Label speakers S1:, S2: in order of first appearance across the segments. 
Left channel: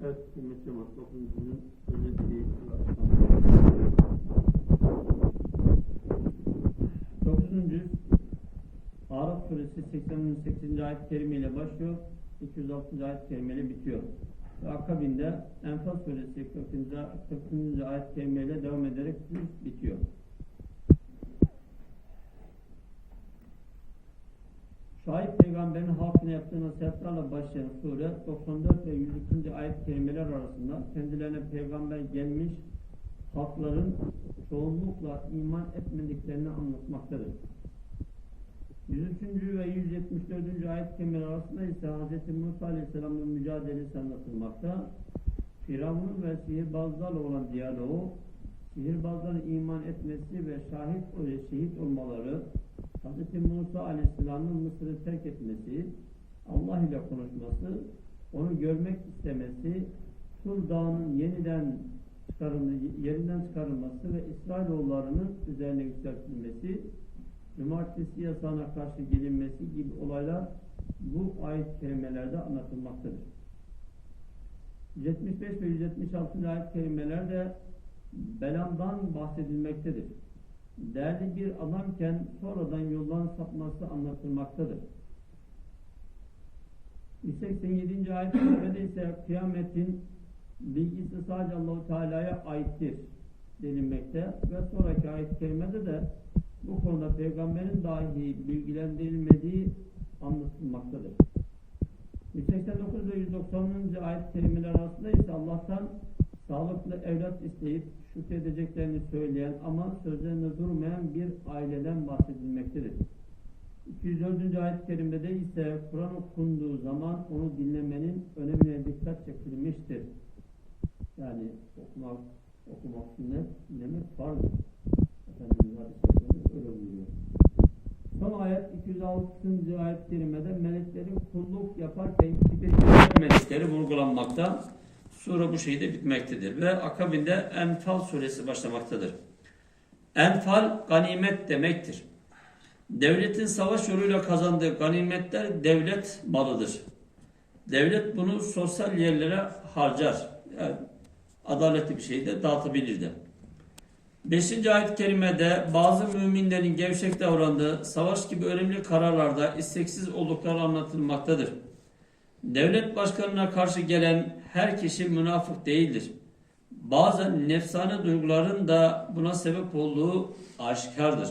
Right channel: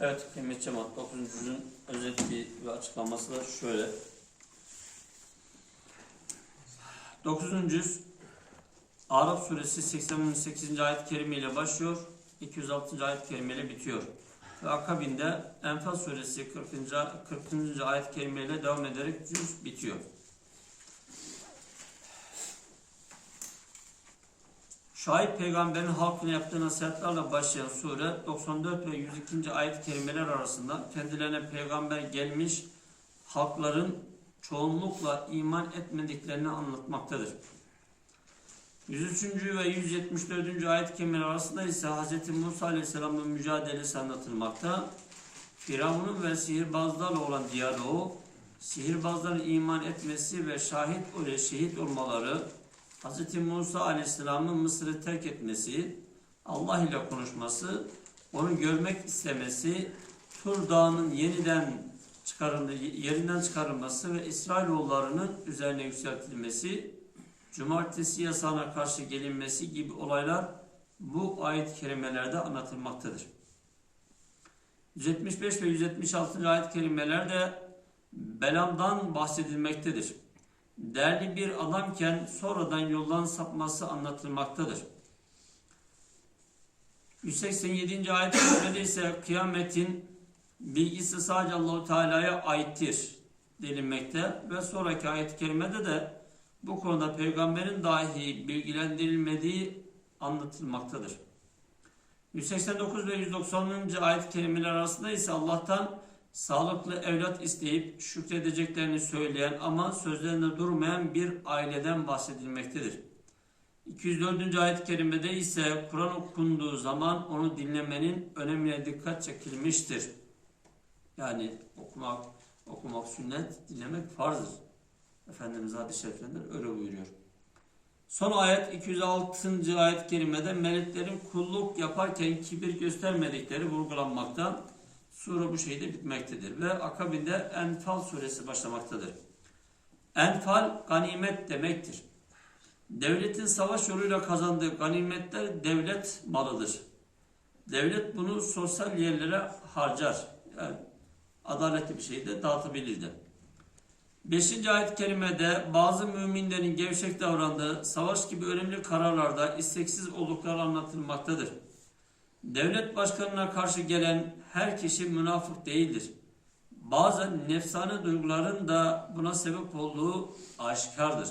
S1: Evet kıymetli cemaat 9. cüzün özet bir, açıklaması da şöyle. 9. cüz Arap suresi 88. ayet-i kerime ile başlıyor. 206. ayet-i kerime ile bitiyor. Ve akabinde Enfal suresi 40. 40. ayet-i kerime ile devam ederek cüz bitiyor. Şahit peygamberin halkına yaptığı nasihatlerle başlayan sure 94 ve 102. ayet-i kerimeler arasında kendilerine peygamber gelmiş halkların çoğunlukla iman etmediklerini anlatmaktadır. 103. ve 174. ayet-i kerimeler arasında ise Hz. Musa Aleyhisselam'ın mücadelesi anlatılmakta. Firavun'un ve sihirbazlarla olan diyaloğu, sihirbazların iman etmesi ve şahit şehit olmaları, Hz. Musa Aleyhisselam'ın Mısır'ı terk etmesi, Allah ile konuşması, onu görmek istemesi, Tur Dağı'nın yeniden yerinden çıkarılması ve İsrailoğullarının üzerine yükseltilmesi, cumartesi yasağına karşı gelinmesi gibi olaylar bu ayet-i kerimelerde anlatılmaktadır. 175 ve 176. ayet-i kerimelerde Belam'dan bahsedilmektedir değerli bir adamken sonradan yoldan sapması anlatılmaktadır. 187. ayet-i ise kıyametin bilgisi sadece Allahu Teala'ya aittir denilmekte ve sonraki ayet-i kerimede de bu konuda peygamberin dahi bilgilendirilmediği anlatılmaktadır. 189 ve 190. ayet-i kerimeler arasında ise Allah'tan sağlıklı evlat isteyip şükredeceklerini söyleyen ama sözlerinde durmayan bir aileden bahsedilmektedir. 204. ayet-i kerimede ise Kur'an okunduğu zaman onu dinlemenin önemine dikkat çekilmiştir. Yani okumak, okumak sünnet, dinlemek farzdır. Efendimiz hadis-i şeriflerinde öyle buyuruyor. Son ayet 206. ayet-i kerimede meleklerin kulluk yaparken kibir göstermedikleri vurgulanmakta. Sure bu şekilde bitmektedir. Ve akabinde Enfal suresi başlamaktadır. Enfal ganimet demektir. Devletin savaş yoluyla kazandığı ganimetler devlet malıdır. Devlet bunu sosyal yerlere harcar. Yani adaletli bir şekilde dağıtabilir de. 5. ayet-i kerimede bazı müminlerin gevşek davrandığı savaş gibi önemli kararlarda isteksiz oldukları anlatılmaktadır. Devlet başkanına karşı gelen her kişi münafık değildir. Bazen nefsane duyguların da buna sebep olduğu aşikardır.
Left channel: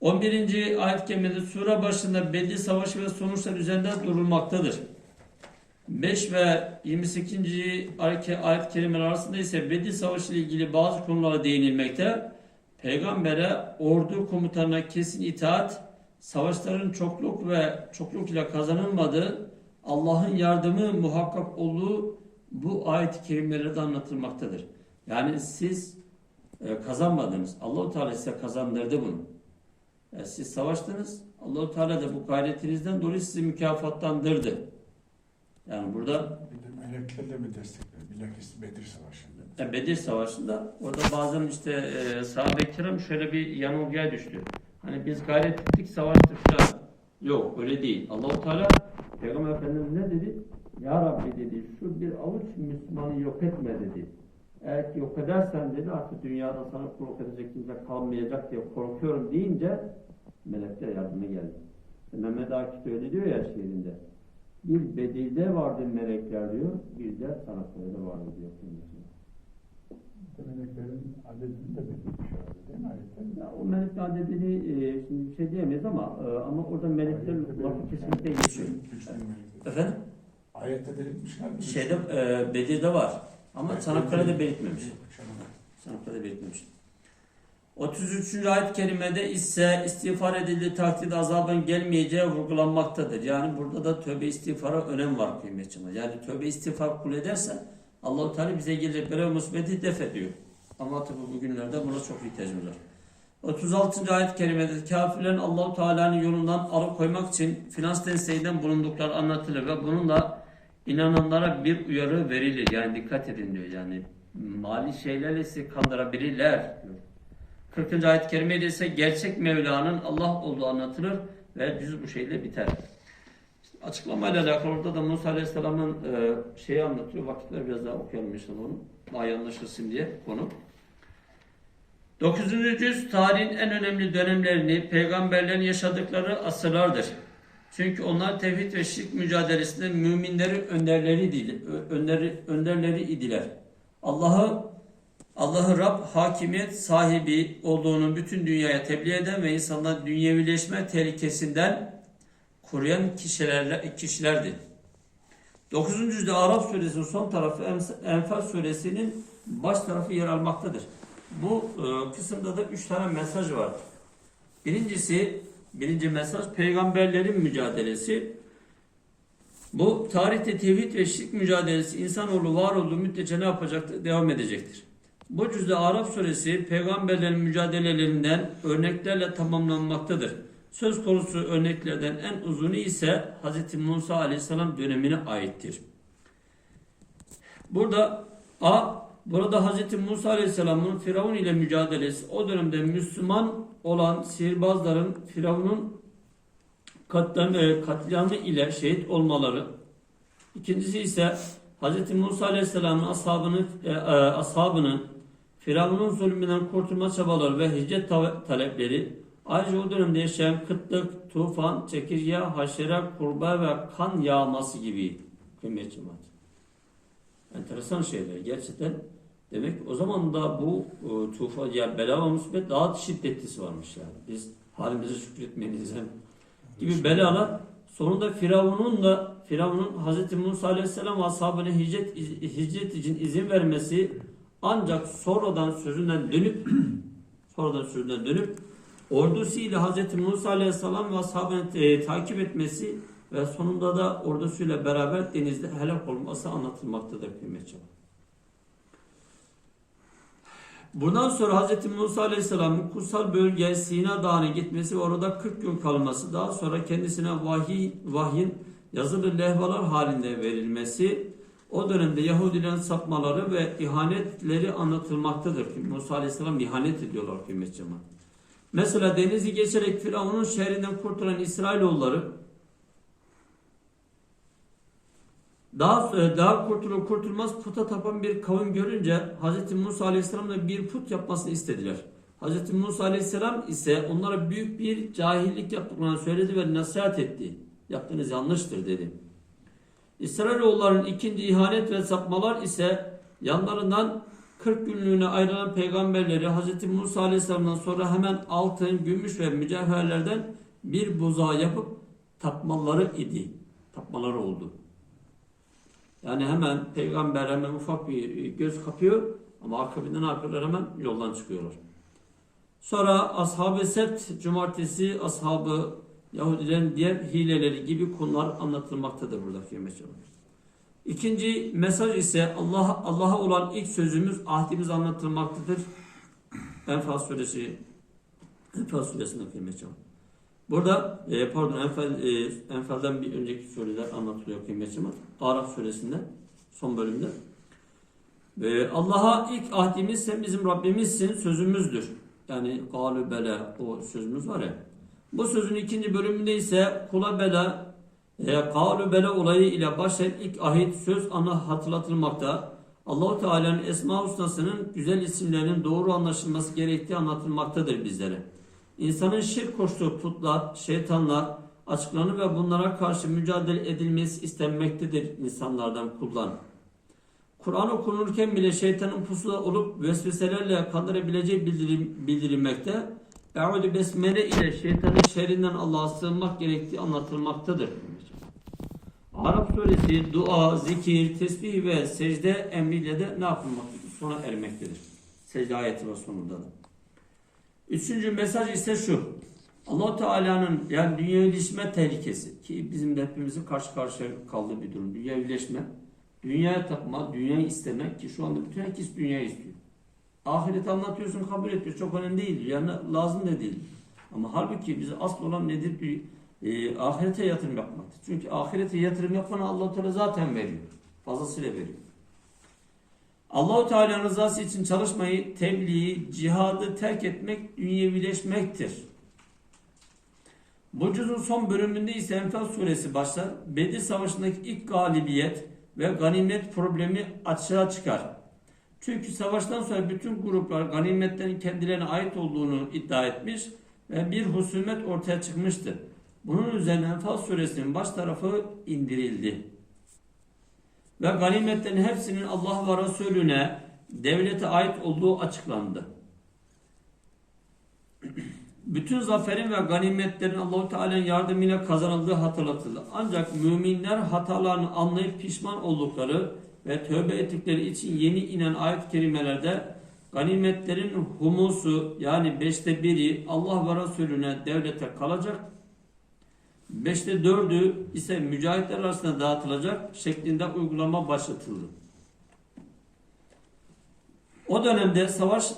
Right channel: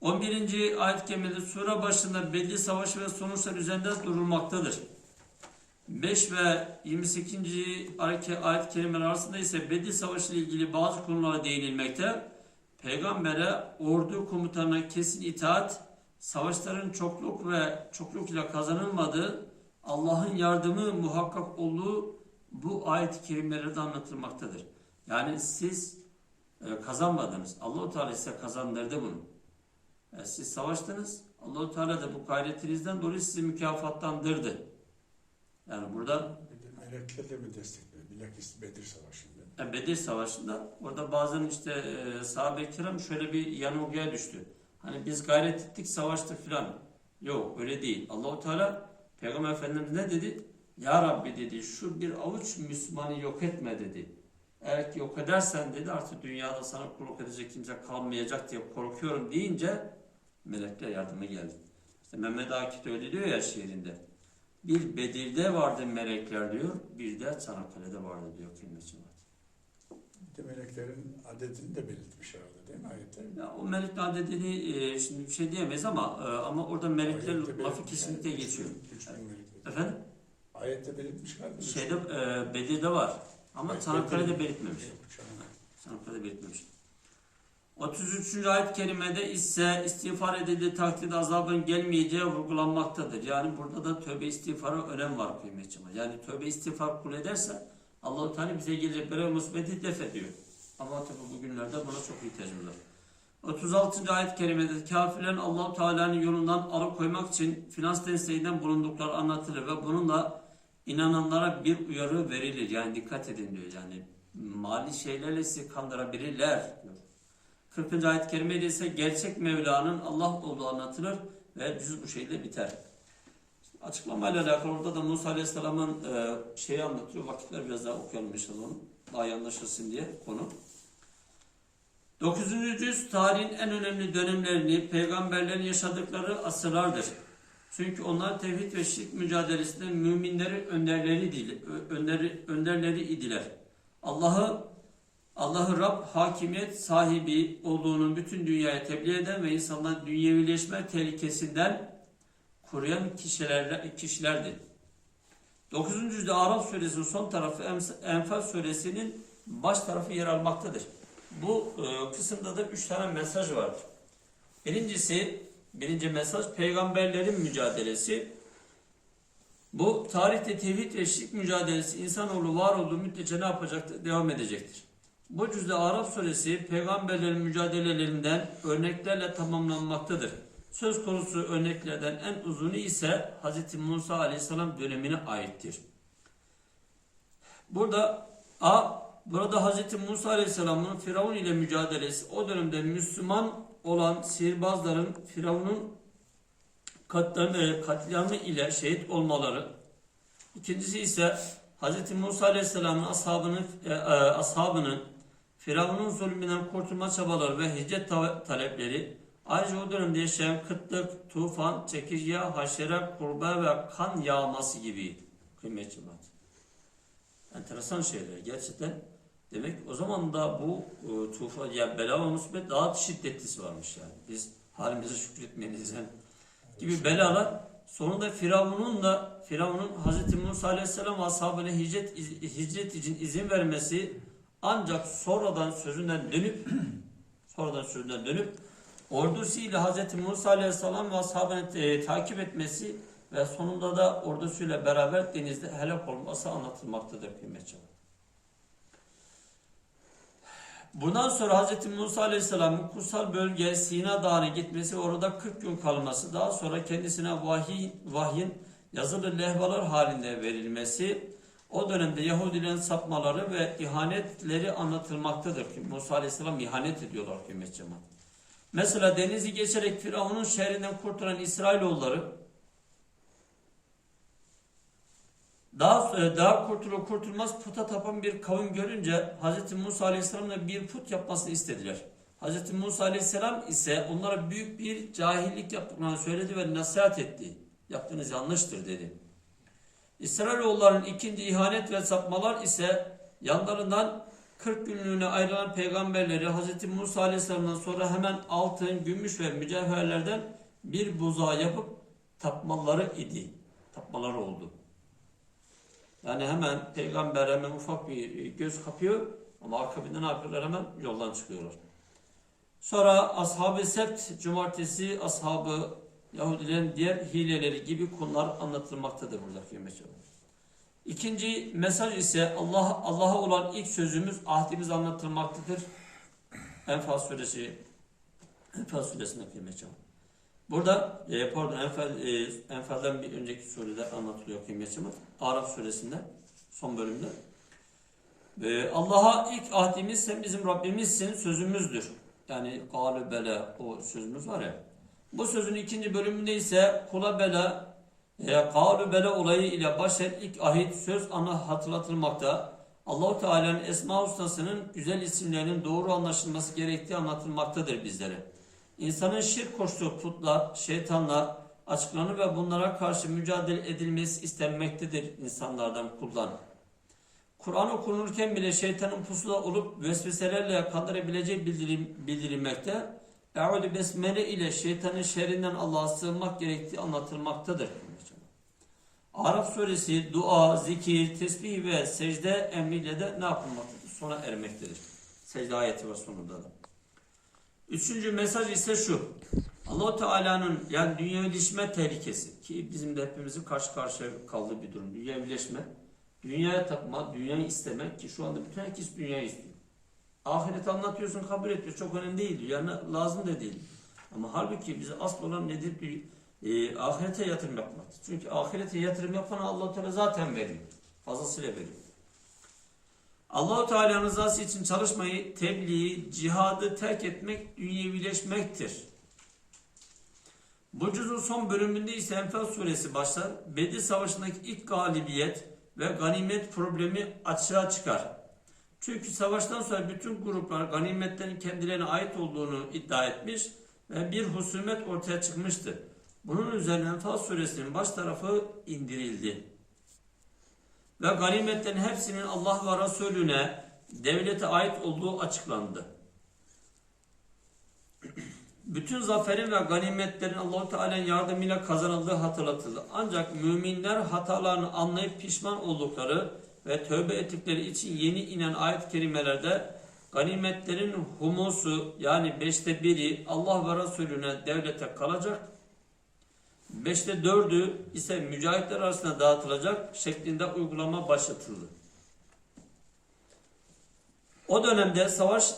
S1: 11. ayet-i kerimede sure başında belli savaşı ve sonuçlar üzerinde durulmaktadır. 5 ve 28. ayet-i kerimeler arasında ise Bedir Savaşı ile ilgili bazı konulara değinilmekte. Peygamber'e ordu komutanına kesin itaat, savaşların çokluk ve çokluk ile kazanılmadığı, Allah'ın yardımı muhakkak olduğu bu ayet-i kerimelerde anlatılmaktadır. Yani siz e, kazanmadınız. Allahu Teala size kazandırdı bunu. E, siz savaştınız. Allahu Teala da bu gayretinizden dolayı sizi mükafatlandırdı. Yani burada
S2: melekler de mi destekler? Bilakis Bedir Savaşı'nda.
S1: e, Bedir Savaşı'nda orada bazen işte e, sahabe-i kiram şöyle bir yanılgıya düştü. Hani biz gayret ettik, savaştık falan. Yok öyle değil. Allahu Teala Peygamber Efendimiz ne dedi? Ya Rabbi dedi şu bir avuç Müslümanı yok etme dedi. Eğer ki yok edersen dedi artık dünyada sana kulluk edecek kimse kalmayacak diye korkuyorum deyince melekler yardıma geldi. İşte Mehmet Akif öyle diyor ya şiirinde. Bir Bedir'de vardı melekler diyor, bir de Çanakkale'de vardı diyor.
S2: Bir de meleklerin adetini de belirtmiş herhalde ayette?
S1: Ya o melekler dediğini e, şimdi bir şey diyemeyiz ama e, ama orada melekler
S2: Ayette
S1: lafı kesinlikle geçiyor.
S2: Bin melek.
S1: Efendim?
S2: Ayette belirtmiş galiba.
S1: Şeyde e, Bedir'de var ama
S2: Evet,
S1: Çanakkale'de belirtmemiş.
S2: Çanakkale.
S1: Çanakkale'de belirtmemiş. 33. ayet-i kerimede ise istiğfar edildiği takdirde azabın gelmeyeceği vurgulanmaktadır. Yani burada da tövbe istiğfara önem var kıymetçi. Yani tövbe istiğfar kul ederse Allah-u Teala bize gelecek böyle musibeti def ediyor. Ama tabi bugünlerde buna çok ihtiyacımız var. 36. ayet-i kerimede kafirlerin Allahu Teala'nın yolundan alıkoymak için finans desteğinden bulundukları anlatılır ve bununla inananlara bir uyarı verilir. Yani dikkat edin diyor. Yani mali şeylerle sizi kandırabilirler diyor. 40. ayet-i kerimede ise gerçek Mevla'nın Allah olduğu anlatılır ve cüz bu şekilde biter. Açıklamayla alakalı orada da Musa Aleyhisselam'ın e, şeyi anlatıyor. Vakitler biraz daha okuyalım inşallah. Daha iyi anlaşılsın diye konu. 9. yüzyıl tarihin en önemli dönemlerini peygamberlerin yaşadıkları asırlardır. Çünkü onlar tevhid ve şirk mücadelesinde müminlerin önderleri, önderleri, önderleri idiler. Allah'ı Allah'ı Rab hakimiyet sahibi olduğunu bütün dünyaya tebliğ eden ve insanların dünyevileşme tehlikesinden koruyan kişilerle, kişilerdi. 9. yüzyılda Arap suresinin son tarafı Enfal suresinin baş tarafı yer almaktadır. Bu e, kısımda da üç tane mesaj var. Birincisi, birinci mesaj peygamberlerin mücadelesi. Bu tarihte tevhid ve şirk mücadelesi insanoğlu var olduğu müddetçe ne yapacaktır? Devam edecektir. Bu cüzde Arap suresi peygamberlerin mücadelelerinden örneklerle tamamlanmaktadır. Söz konusu örneklerden en uzunu ise Hz. Musa aleyhisselam dönemine aittir. Burada A. Burada Hz. Musa aleyhisselamın Firavun ile mücadelesi o dönemde Müslüman olan sihirbazların Firavun'un e, katliamı ile şehit olmaları. İkincisi ise Hz. Musa aleyhisselamın ashabının, e, e, ashabının Firavun'un zulmünden kurtulma çabaları ve hicret ta- talepleri ayrıca o dönemde yaşayan kıtlık, tufan, çekirge, haşere, kurbağa ve kan yağması gibi kıymetli cemaat. Enteresan şeyler gerçekten. Demek o zaman da bu e, tufan ya bela ve musibet daha şiddetlisi varmış yani. Biz halimize şükretmeliyiz hem gibi belalar sonunda Firavun'un da Firavun'un Hz. Musa Aleyhisselam ashabına hicret, hicret için izin vermesi ancak sonradan sözünden dönüp sonradan sözünden dönüp ordusuyla Hz. Musa Aleyhisselam ve ashabını e, takip etmesi ve sonunda da ordusuyla beraber denizde helak olması anlatılmaktadır kıymetli. Bundan sonra Hz. Musa Aleyhisselam'ın kutsal bölge Sina Dağı'na gitmesi orada 40 gün kalması, daha sonra kendisine vahiy, vahyin yazılı lehvalar halinde verilmesi, o dönemde Yahudilerin sapmaları ve ihanetleri anlatılmaktadır. Musa Aleyhisselam ihanet ediyorlar kıymetli cemaat. Mesela denizi geçerek Firavun'un şehrinden kurtulan İsrailoğulları daha daha kurtulur kurtulmaz puta tapan bir kavim görünce Hz. Musa Aleyhisselam'la bir put yapmasını istediler. Hz. Musa Aleyhisselam ise onlara büyük bir cahillik yaptıklarını söyledi ve nasihat etti. Yaptığınız yanlıştır dedi. İsrailoğulların ikinci ihanet ve sapmalar ise yanlarından 40 günlüğüne ayrılan peygamberleri Hz. Musa Aleyhisselam'dan sonra hemen altın, gümüş ve mücevherlerden bir buzağı yapıp tapmaları idi. Tapmaları oldu. Yani hemen peygamber hemen ufak bir göz kapıyor ama akabinde ne yapıyorlar hemen yoldan çıkıyorlar. Sonra ashab-ı sebt cumartesi ashabı Yahudilerin diğer hileleri gibi konular anlatılmaktadır burada kıymetli İkinci mesaj ise Allah Allah'a olan ilk sözümüz ahdimiz anlatılmaktadır. Enfal suresi Enfal suresinde kıymetli Burada e, pardon Enfal, e, Enfal'den bir önceki sureler anlatılıyor kıymetli Araf suresinde son bölümde. E, Allah'a ilk ahdimiz sen bizim Rabbimizsin sözümüzdür. Yani galü bela o sözümüz var ya. Bu sözün ikinci bölümünde ise kula bela e, kavlu bela olayı ile başlayan ilk ahit söz ana hatırlatılmakta. Allahu Teala'nın esma husnasının güzel isimlerinin doğru anlaşılması gerektiği anlatılmaktadır bizlere. İnsanın şirk koştuğu putlar, şeytanlar açıklanır ve bunlara karşı mücadele edilmesi istenmektedir insanlardan kullan. Kur'an okunurken bile şeytanın pusula olup vesveselerle kandırabileceği bildirim, bildirilmekte. Eûzü besmele ile şeytanın şerrinden Allah'a sığınmak gerektiği anlatılmaktadır. Arap suresi dua, zikir, tesbih ve secde emriyle de ne yapılmaktadır? Sona ermektedir. Secde ayeti var sonunda da. Üçüncü mesaj ise şu. allah Teala'nın yani dünya birleşme tehlikesi ki bizim de hepimizin karşı karşıya kaldığı bir durum. Dünya birleşme, dünyaya tapma, dünyayı istemek ki şu anda bütün herkes dünyayı istiyor. Ahiret anlatıyorsun kabul ediyor. Çok önemli değil. Yani lazım da değil. Ama halbuki bize asıl olan nedir? Bir, e, ahirete yatırım yapmaktır. Çünkü ahirete yatırım yapana allah Teala zaten veriyor. Fazlasıyla veriyor. Allahu Teala'nın rızası için çalışmayı, tebliği, cihadı terk etmek dünyevileşmektir. Bu cüzün son bölümünde ise Enfal suresi başlar. Bedir Savaşı'ndaki ilk galibiyet ve ganimet problemi açığa çıkar. Çünkü savaştan sonra bütün gruplar ganimetlerin kendilerine ait olduğunu iddia etmiş ve bir husumet ortaya çıkmıştır. Bunun üzerine Enfal suresinin baş tarafı indirildi. Ve ganimetlerin hepsinin Allah ve Resulüne devlete ait olduğu açıklandı. Bütün zaferin ve ganimetlerin Allah Teala'nın yardımıyla kazanıldığı hatırlatıldı. Ancak müminler hatalarını anlayıp pişman oldukları ve tövbe ettikleri için yeni inen ayet-i kerimelerde ganimetlerin humusu yani beşte biri Allah ve Resulüne devlete kalacak. Beşte dördü ise mücahitler arasında dağıtılacak şeklinde uygulama başlatıldı. O dönemde savaş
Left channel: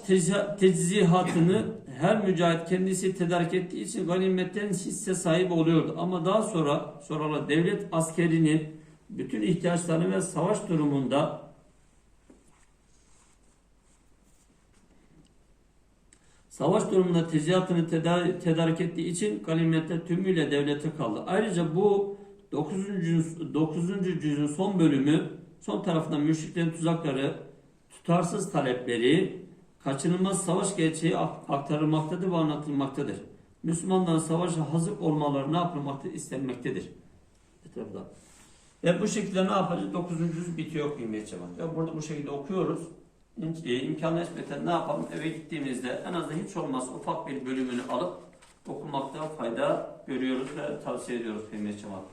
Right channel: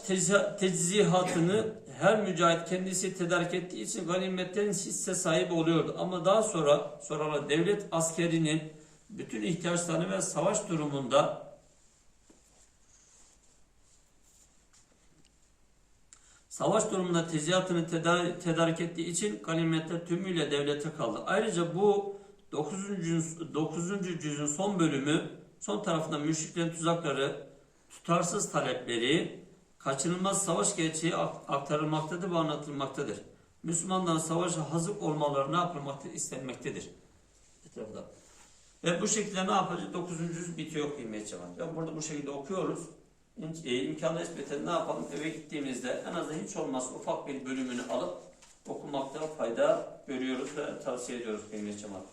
S1: teczihatını her mücahit kendisi tedarik ettiği için ganimetlerin hisse sahibi oluyordu. Ama daha sonra sonra devlet askerinin bütün ihtiyaçlarını ve savaş durumunda savaş durumunda tezihатını tedar- tedarik ettiği için ganimetler tümüyle devlete kaldı. Ayrıca bu 9. cüz- 9. cüzün son bölümü son tarafında müşriklerin tuzakları, tutarsız talepleri, kaçınılmaz savaş gerçeği ak- aktarılmaktadır ve anlatılmaktadır. Müslümanların savaşa hazır olmaları ne yapılmaktadır? istenmektedir. Ve bu şekilde ne yapacağız? 9. cüz bitiyor kıymetli cemaat. Ve burada bu şekilde okuyoruz. E, İmkanı nispeten ne yapalım? Eve gittiğimizde en azından hiç olmazsa ufak bir bölümünü alıp okumakta fayda görüyoruz ve tavsiye ediyoruz kıymetli cemaat.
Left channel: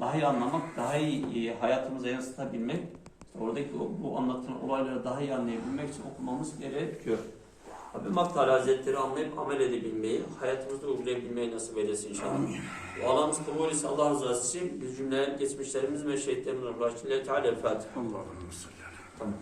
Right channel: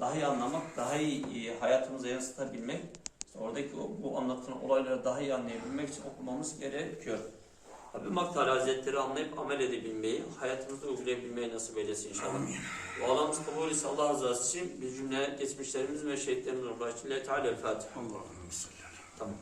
S1: Daha iyi anlamak, daha iyi e, hayatımıza yansıtabilmek, oradaki bu anlatılan olayları daha iyi anlayabilmek için okumamız gerekiyor. Rabbim Hak Teala Hazretleri anlayıp amel edebilmeyi, hayatımızda uygulayabilmeyi nasip eylesin inşallah. Bu kabul ise Allah rızası için biz cümle geçmişlerimiz ve şehitlerimizin rahmetiyle Teala Fatiha.
S2: Allah'ım.
S1: Tamam.